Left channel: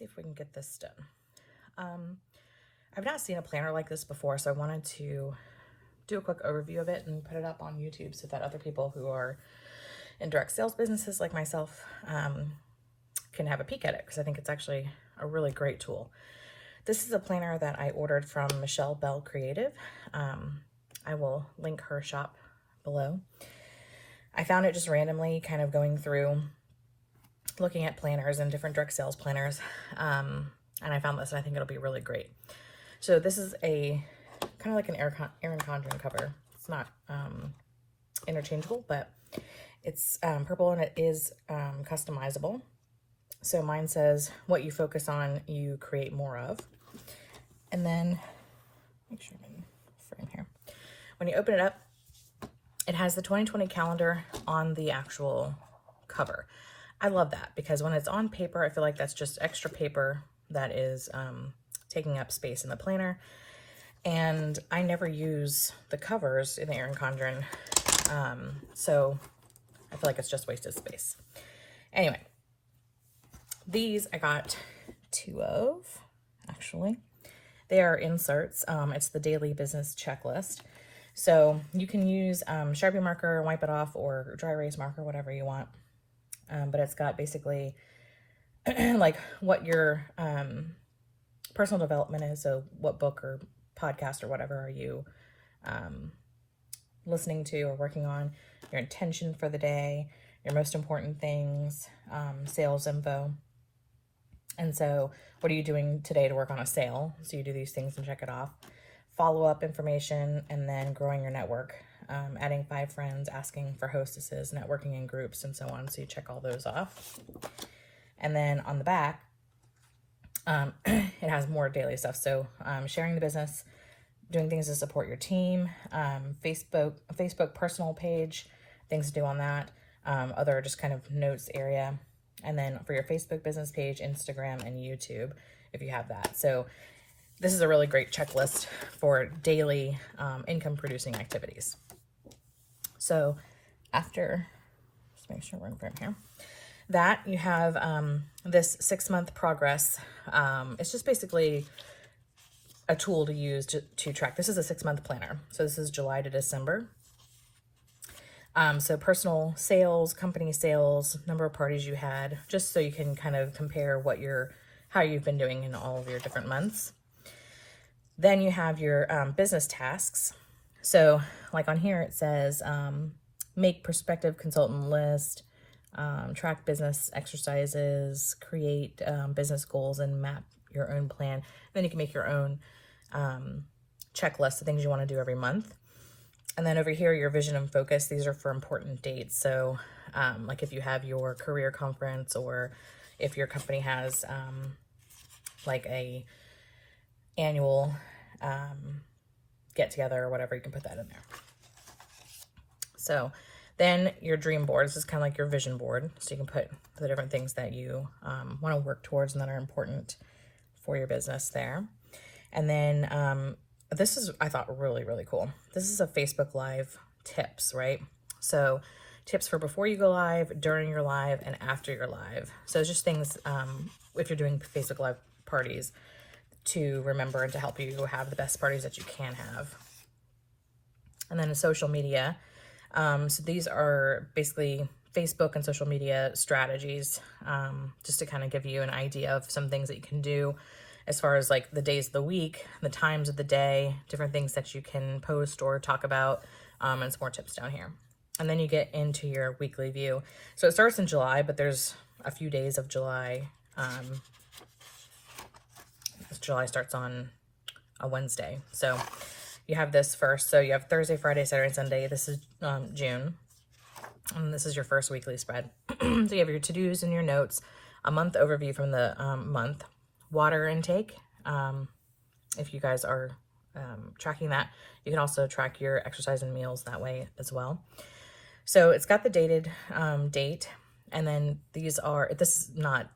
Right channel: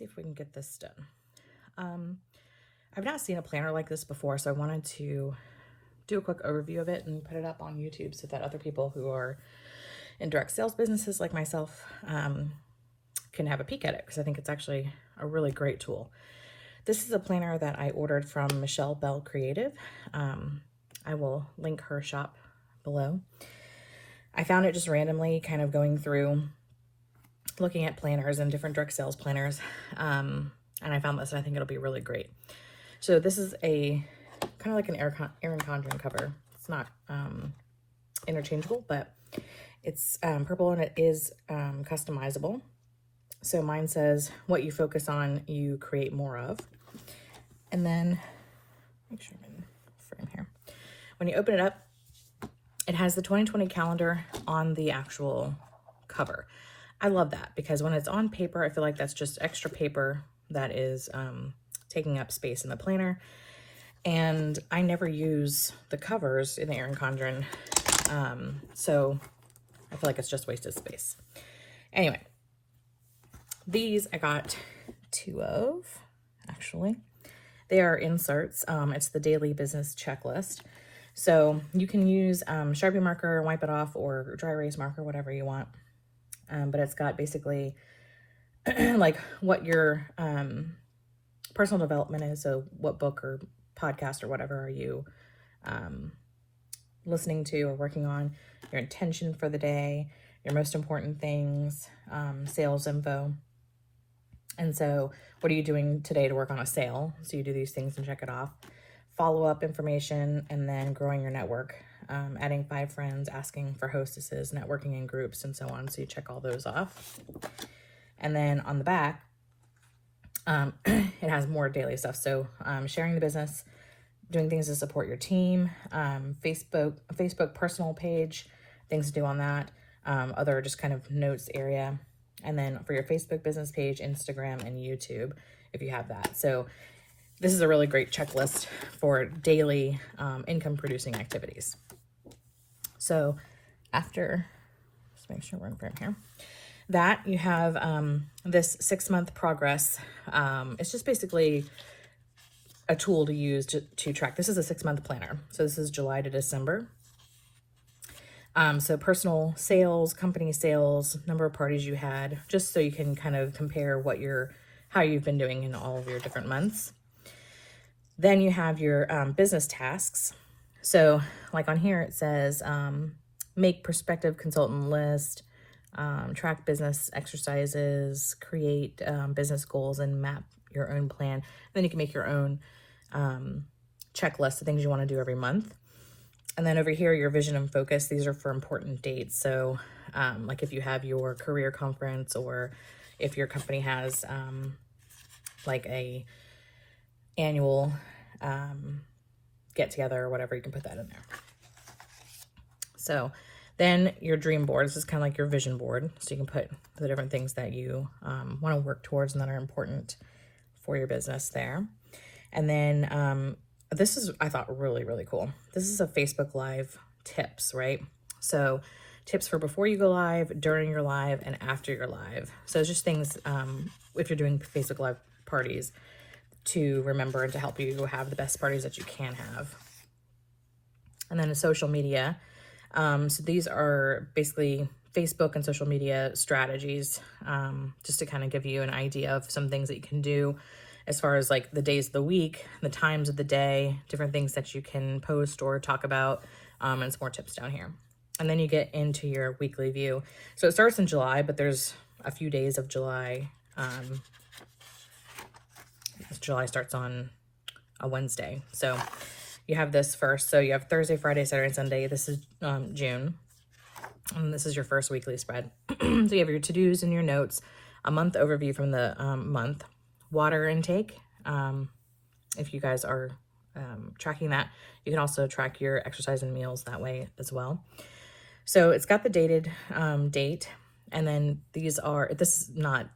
see if we can get this done. I've not seen a planner like this before, so I wanted to do a quick overview of it and put it up on YouTube so that other people who are in direct sales businesses like myself can have a peek at it, because I think it's actually a really great tool. This is a planner that I ordered from Michelle Bell Creative. I will link her shop below. I found it just randomly kind of going through looking at planners and different direct sales planners, and I found this and I think it'll be really great. So this is a kind of like an Erin Condren cover. It's not interchangeable, but it's purple and it is customizable. So mine says, what you focus on, you create more of. And then, make sure I'm in frame here. When you open it up, it has the 2020 calendar on the actual cover. I love that because when it's on paper, I feel like that's just extra paper that is taking up space in the planner. And I never use the covers in the Erin Condren, so I feel like it's just wasted space. Anyway, these I got 2 of, actually. They are inserts. It's the daily business checklist. So you can use Sharpie marker, wipe it off, or dry erase marker, whatever you want. But it's got basically like what your personal development is. So what book or podcast or whatever are you listening to or working on, your intention for the day, your most important things, sales info. And so what are you doing today to work on a sale? So you do these things and check it off. Follow-up information, and then growing your network, adding 5 friends, asking for hostesses, networking in groups, and so on. So you check all those off. And then on the back, it has more daily stuff. So sharing the business, doing things to support your team, Facebook personal page, things to do on that, other just kind of notes area. And then for your Facebook business page, Instagram, and YouTube, if you have that. So this is a really great checklist for daily income producing activities. So after, let's make sure we're in frame here, that you have this 6-month progress. It's just basically a tool to use to track. This is a 6-month planner. So this is July to December. So personal sales, company sales, number of parties you had, just so you can kind of compare how you've been doing in all of your different months. Then you have your business tasks. So like on here, it says, make prospective consultant list, track business exercises, create business goals, and map your own plan. Then you can make your own checklist of things you want to do every month. And then over here, your vision and focus, these are for important dates. So like if you have your career conference, or if your company has like a annual get together or whatever, you can put that in there. So then your dream board, this is kind of like your vision board. So you can put the different things that you want to work towards and that are important for your business there. And then this is, I thought, really, really cool. This is a Facebook Live tips, right? So tips for before you go live, during your live, and after your live. So it's just things, if you're doing Facebook Live parties, to remember and to help you have the best parties that you can have. And then social media. So these are basically Facebook and social media strategies, just to kind of give you an idea of some things that you can do as far as like the days of the week, the times of the day, different things that you can post or talk about, and some more tips down here. And then you get into your weekly view. So it starts in July, but there's a few days of July. July starts on a Wednesday. So you have this first. So you have Thursday, Friday, Saturday, and Sunday. This is June. And this is your first weekly spread. So you have your to-dos and your notes, a month overview from the month, water intake. If you guys are tracking that, you can also track your exercise and meals that way as well. So it's got the dated date. And then this is not,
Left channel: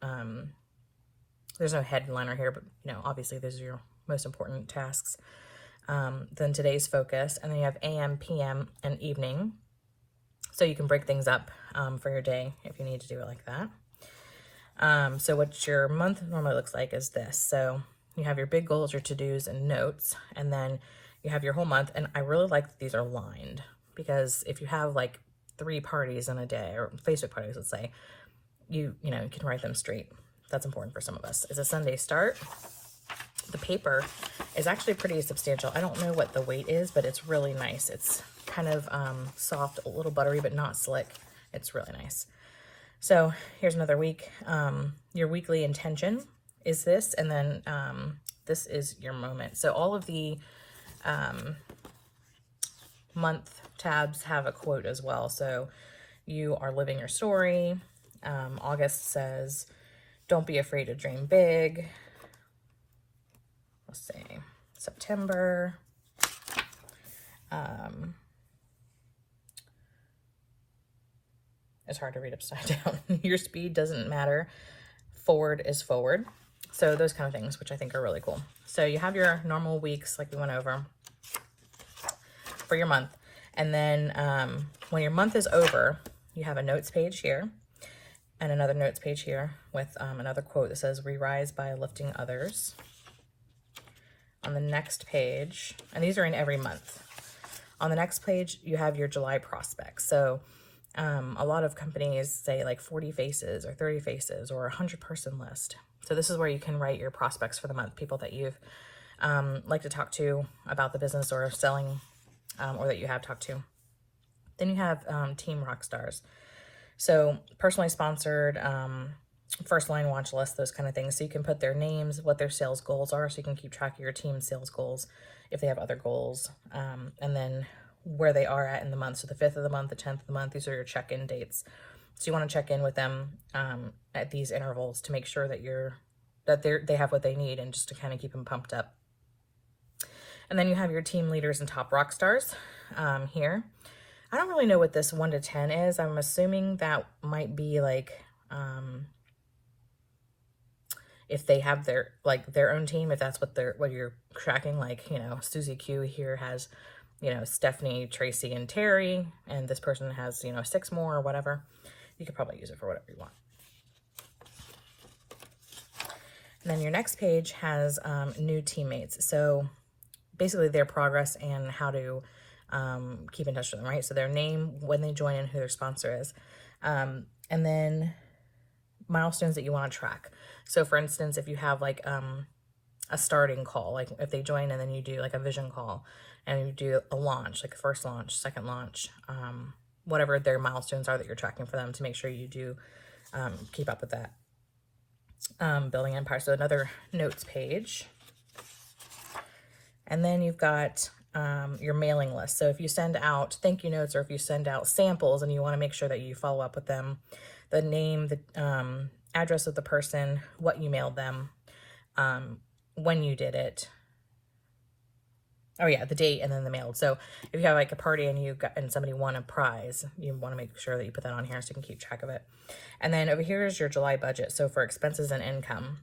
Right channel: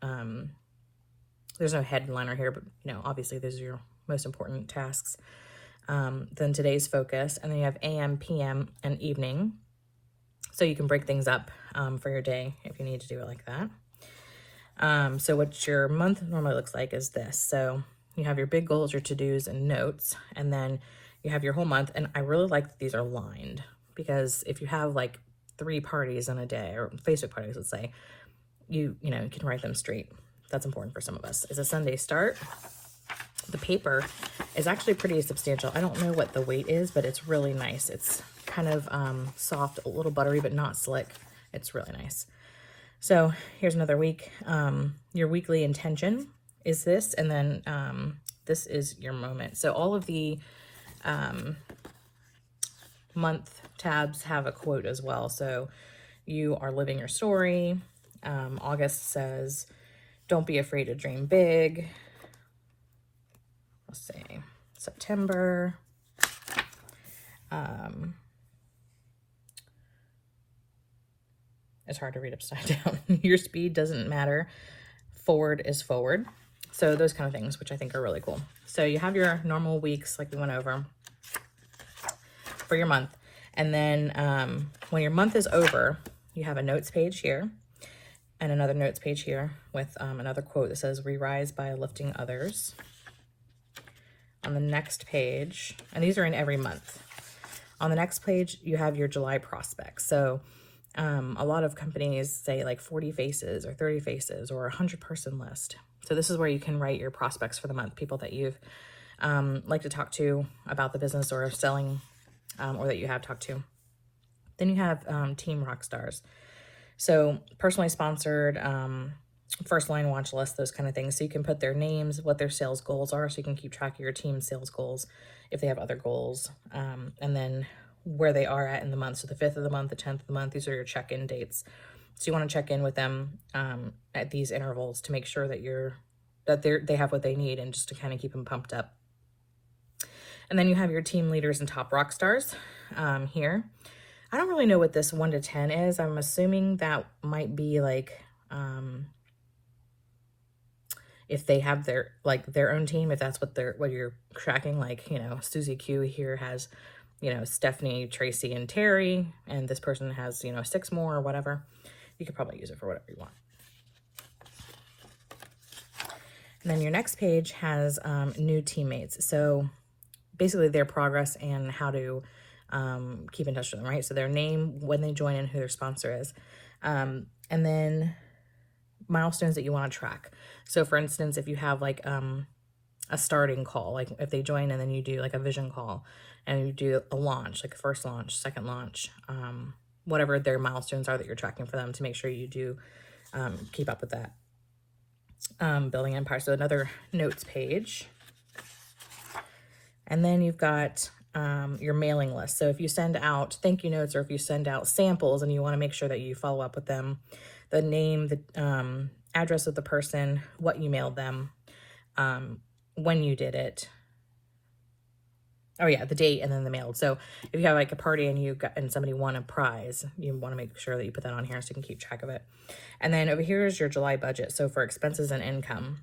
there's no headliner here, but obviously those are your most important tasks. Then today's focus, and then you have AM, PM, and evening. So you can break things up for your day if you need to do it like that. So what your month normally looks like is this. So you have your big goals, your to-dos, and notes, and then you have your whole month. And I really like that these are lined, because if you have like 3 parties in a day, or Facebook parties, let's say, you can write them straight. That's important for some of us. It's a Sunday start. The paper is actually pretty substantial. I don't know what the weight is, but it's really nice. It's kind of soft, a little buttery, but not slick. It's really nice. So here's another week. Your weekly intention is this, and then this is your moment. So all of the month tabs have a quote as well. So you are living your story. August says, don't be afraid to dream big. Let's see, September. It's hard to read upside down. Your speed doesn't matter. Forward is forward. So those kind of things, which I think are really cool. So you have your normal weeks, like we went over, for your month. And then when your month is over, you have a notes page here and another notes page here with another quote that says, "We rise by lifting others." On the next page, and these are in every month. On the next page, you have your July prospects. So a lot of companies say like 40 faces or 30 faces or 100-person list. So this is where you can write your prospects for the month, people that you've like to talk to about the business or selling, or that you have talked to. Then you have team rock stars. So personally sponsored, first line watch list, those kind of things. So you can put their names, what their sales goals are, so you can keep track of your team's sales goals if they have other goals, and then where they are at in the month. So the 5th of the month, the 10th of the month, these are your check-in dates. So you want to check in with them at these intervals to make sure that they have what they need, and just to kind of keep them pumped up. And then you have your team leaders and top rock stars here. I don't really know what this 1 to 10 is. I'm assuming that might be like if they have their own team, if that's what you're tracking. Like, Susie Q here has, Stephanie, Tracy, and Terry, and this person has, 6 more or whatever. You could probably use it for whatever you want. And then your next page has new teammates. So basically their progress and how to keep in touch with them, right? So their name, when they join, and who their sponsor is. And then milestones that you want to track. So for instance, if you have like a starting call, like if they join and then you do like a vision call and you do a launch, like a first launch, second launch, whatever their milestones are that you're tracking for them, to make sure you do keep up with that. Building empire. So another notes page. And then you've got your mailing list. So if you send out thank you notes, or if you send out samples and you want to make sure that you follow up with them, the name, the address of the person, what you mailed them, when you did it. Oh yeah, the date, and then the mail. So if you have like a party and somebody won a prize, you want to make sure that you put that on here so you can keep track of it. And then over here is your July budget. So for expenses and income.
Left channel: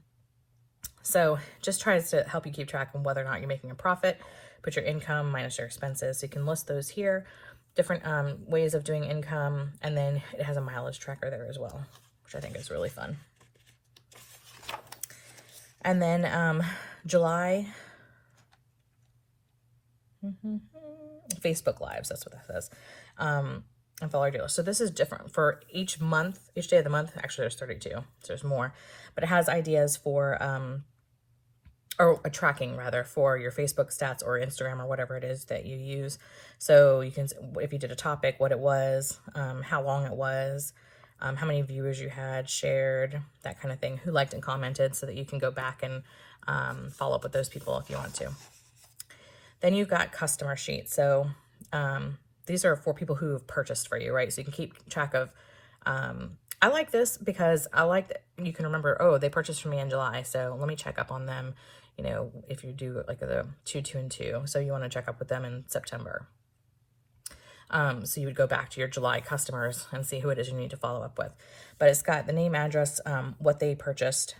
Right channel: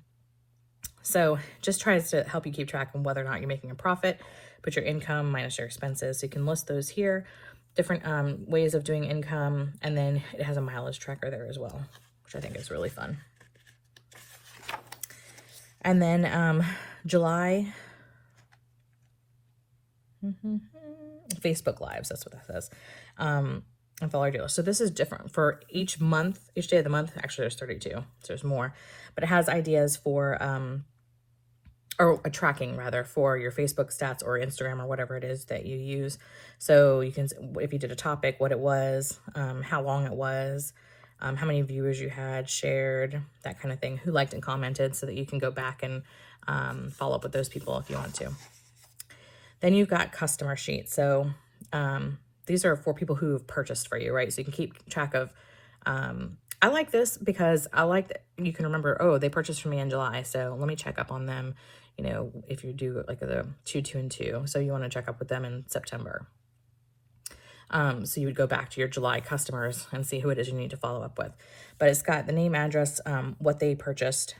So just tries to help you keep track of whether or not you're making a profit. Put your income minus your expenses. So you can list those here. Different ways of doing income. And then it has a mileage tracker there as well, which I think is really fun. And then July, Facebook Lives, that's what that says. And follow our dealers. So this is different for each month, each day of the month. Actually, there's 32, so there's more. But it has ideas for, or a tracking rather, for your Facebook stats or Instagram or whatever it is that you use. So you can, if you did a topic, what it was, how long it was, how many viewers you had, shared, that kind of thing, who liked and commented, so that you can go back and follow up with those people if you want to. Then you've got customer sheets. So these are for people who have purchased for you, right? So you can keep track of, I like this because I like that you can remember, oh, they purchased from me in July, so let me check up on them, if you do like the 2, 2, and 2. So you want to check up with them in September. So you would go back to your July customers and see who it is you need to follow up with. But it's got the name, address, what they purchased,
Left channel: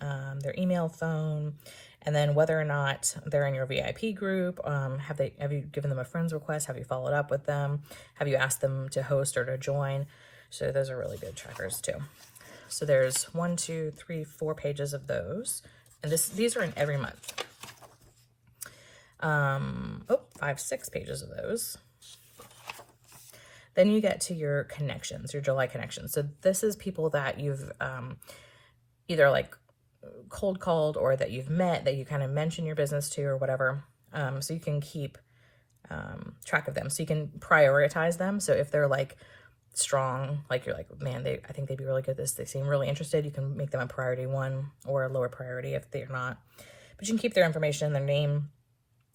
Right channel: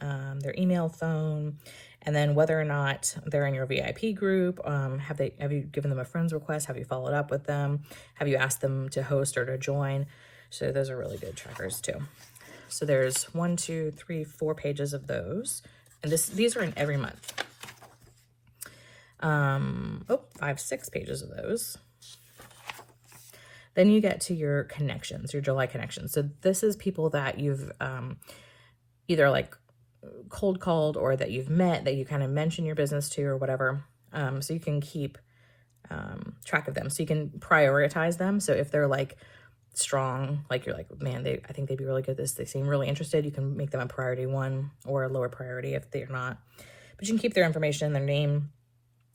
their email, phone, and then whether or not they're in your VIP group. Have you given them a friends request? Have you followed up with them? Have you asked them to host or to join? So those are really good trackers too. So there's 1, 2, 3, 4 pages of those. And these are in every month. 5, 6 pages of those. Then you get to your connections, your July connections. So this is people that you've either like cold called or that you've met, that you kind of mention your business to or whatever. So you can keep track of them. So you can prioritize them. So if they're like strong, like you're like, man, I think they'd be really good at this. They seem really interested. You can make them a priority 1 or a lower priority if they're not. But you can keep their information, their name,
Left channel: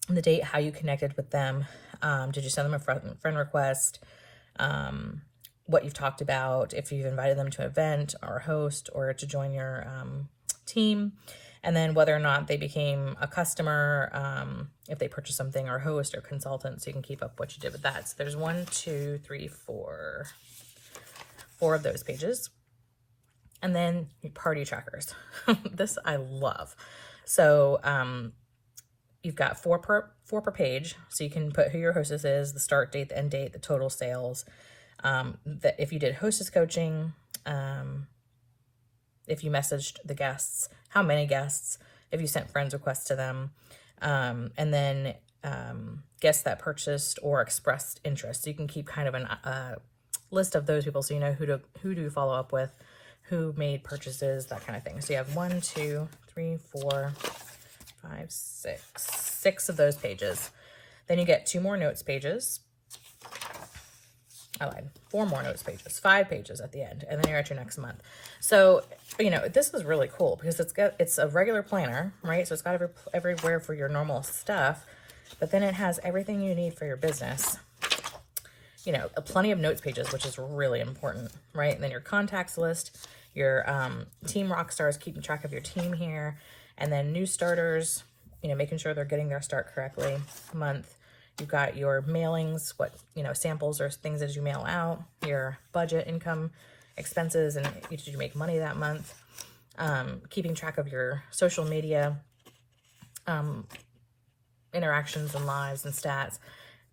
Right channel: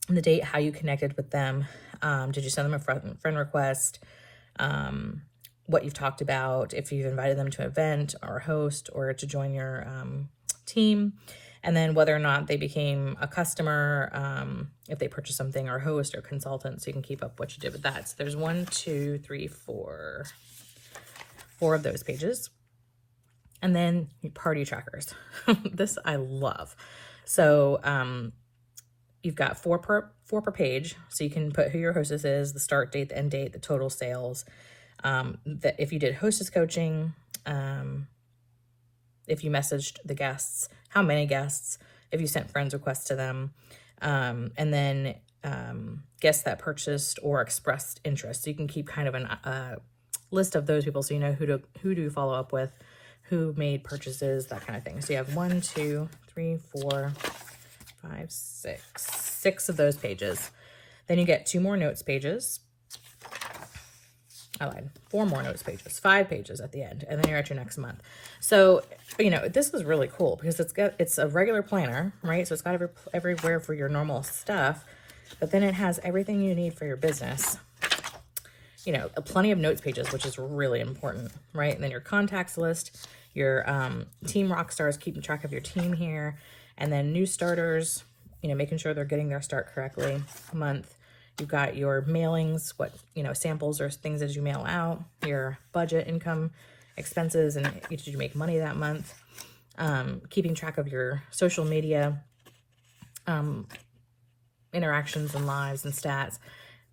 the date, how you connected with them. Did you send them a friend request? What you've talked about, if you've invited them to an event or a host or to join your team, and then whether or not they became a customer, if they purchased something, or host or consultant, so you can keep up what you did with that. So there's 1, 2, 3, 4 of those pages. And then your party trackers. This I love. So you've got 4 per page, so you can put who your hostess is, the start date, the end date, the total sales. That if you did hostess coaching, if you messaged the guests, how many guests, if you sent friends requests to them, and then guests that purchased or expressed interest. So you can keep kind of a list of those people, so you know who to follow up with, who made purchases, that kind of thing. So you have 1, 2, 3, 4, 5, 6 of those pages. Then you get 2 more notes pages. I lied. 4 more notes pages, 5 pages at the end, and then you're at your next month. So, you know, this is really cool because it's a regular planner, right? So it's got everywhere for your normal stuff, but then it has everything you need for your business. You know, plenty of notes pages, which is really important, right? And then your contacts list, your team rock stars, keeping track of your team here, and then new starters, you know, making sure they're getting their start correctly month. You've got your mailings, what, you know, samples or things as you mail out, your budget, income, expenses, and did you make money that month? Keeping track of your social media interactions and lives and stats,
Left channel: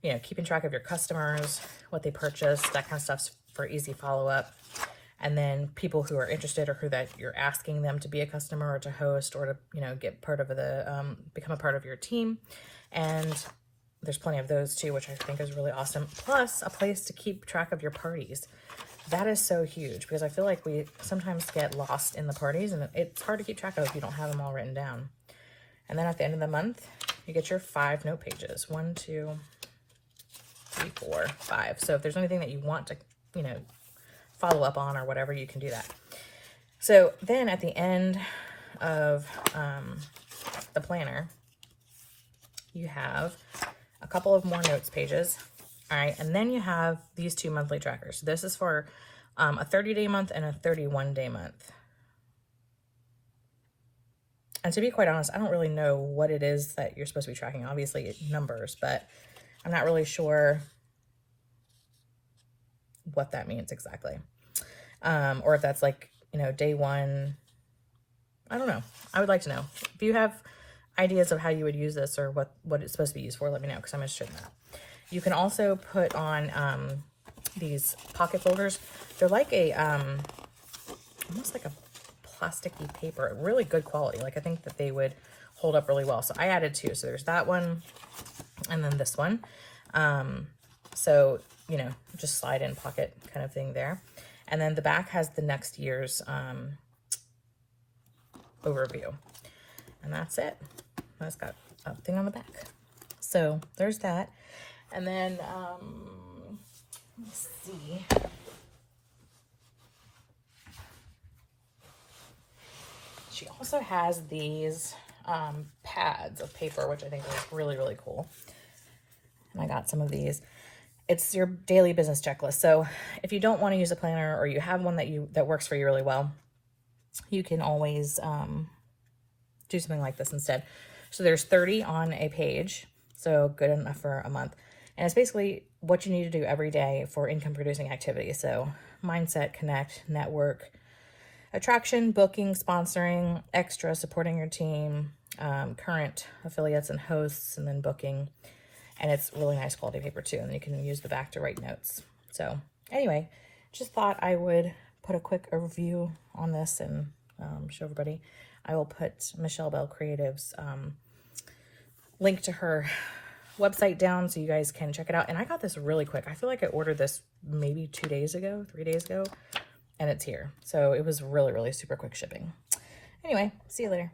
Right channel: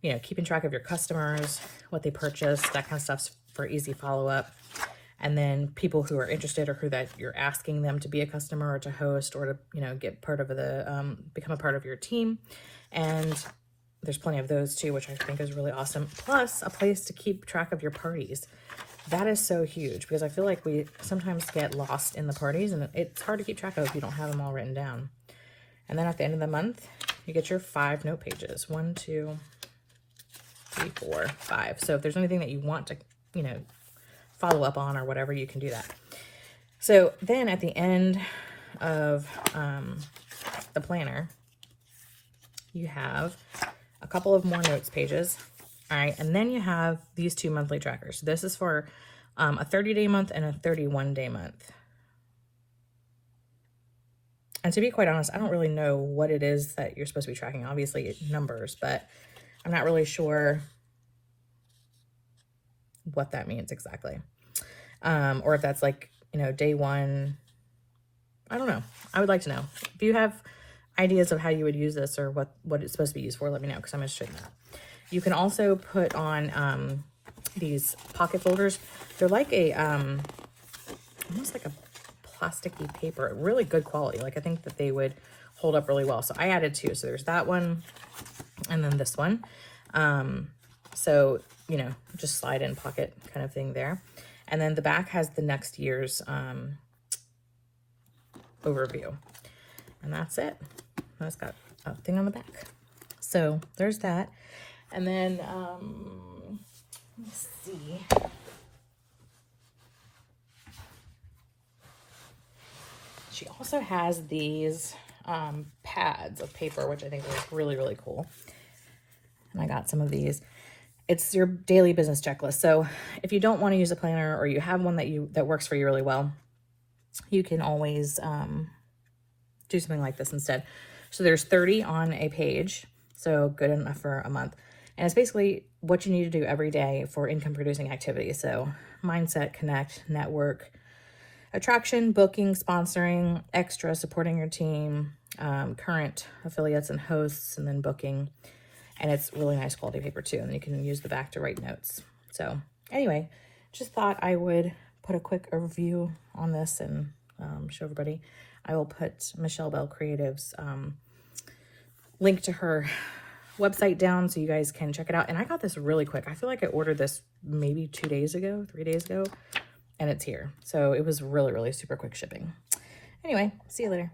you know, keeping track of your customers, what they purchased, that kind of stuff's for easy follow-up. And then people who are interested or who that you're asking them to be a customer or to host or to, you know, get part of the, become a part of your team. And there's plenty of those too, which I think is really awesome. Plus a place to keep track of your parties. That is so huge because I feel like we sometimes get lost in the parties and it's hard to keep track of if you don't have them all written down. And then at the end of the month, you get your 5 note pages. 1, 2, 3, 4, 5. So if there's anything that you want to, you know, follow up on or whatever, you can do that. So then at the end of the planner, you have a couple of more notes pages. All right, and then you have these 2 monthly trackers. So this is for a 30-day month and a 31-day month. And to be quite honest, I don't really know what it is that you're supposed to be tracking. Obviously, numbers, but I'm not really sure what that means exactly. Or if that's like, you know, day 1. I don't know. I would like to know. If you have ideas of how you would use this or what it's supposed to be used for, let me know because I'm interested in that. You can also put on these pocket folders. They're like a, almost like a plasticky paper, really good quality. Like I think that they would hold up really well. So I added 2. So there's that one and then this one. So, you know, just slide in pocket kind of thing there. And then the back has the next year's overview. And that's it. That's got a thing on the back. So there's that. And then, let's see. She also has these pads of paper, which I think is really, really cool. And I got some of these. It's your daily business checklist. So if you don't want to use a planner or you have one that works for you really well, you can always do something like this instead. So there's 30 on a page, so good enough for a month. And it's basically what you need to do every day for income producing activities. So mindset, connect, network, attraction, booking, sponsoring, extra, supporting your team, current affiliates and hosts, and then booking. And it's really nice quality paper too. And you can use the back to write notes. So anyway, just thought I would put a quick overview on this and show everybody. I will put Michelle Bell Creative's link to her website down so you guys can check it out. And I got this really quick. I feel like I ordered this maybe 2 days ago, 3 days ago, and it's here. So it was really, really super quick shipping. Anyway, see you later.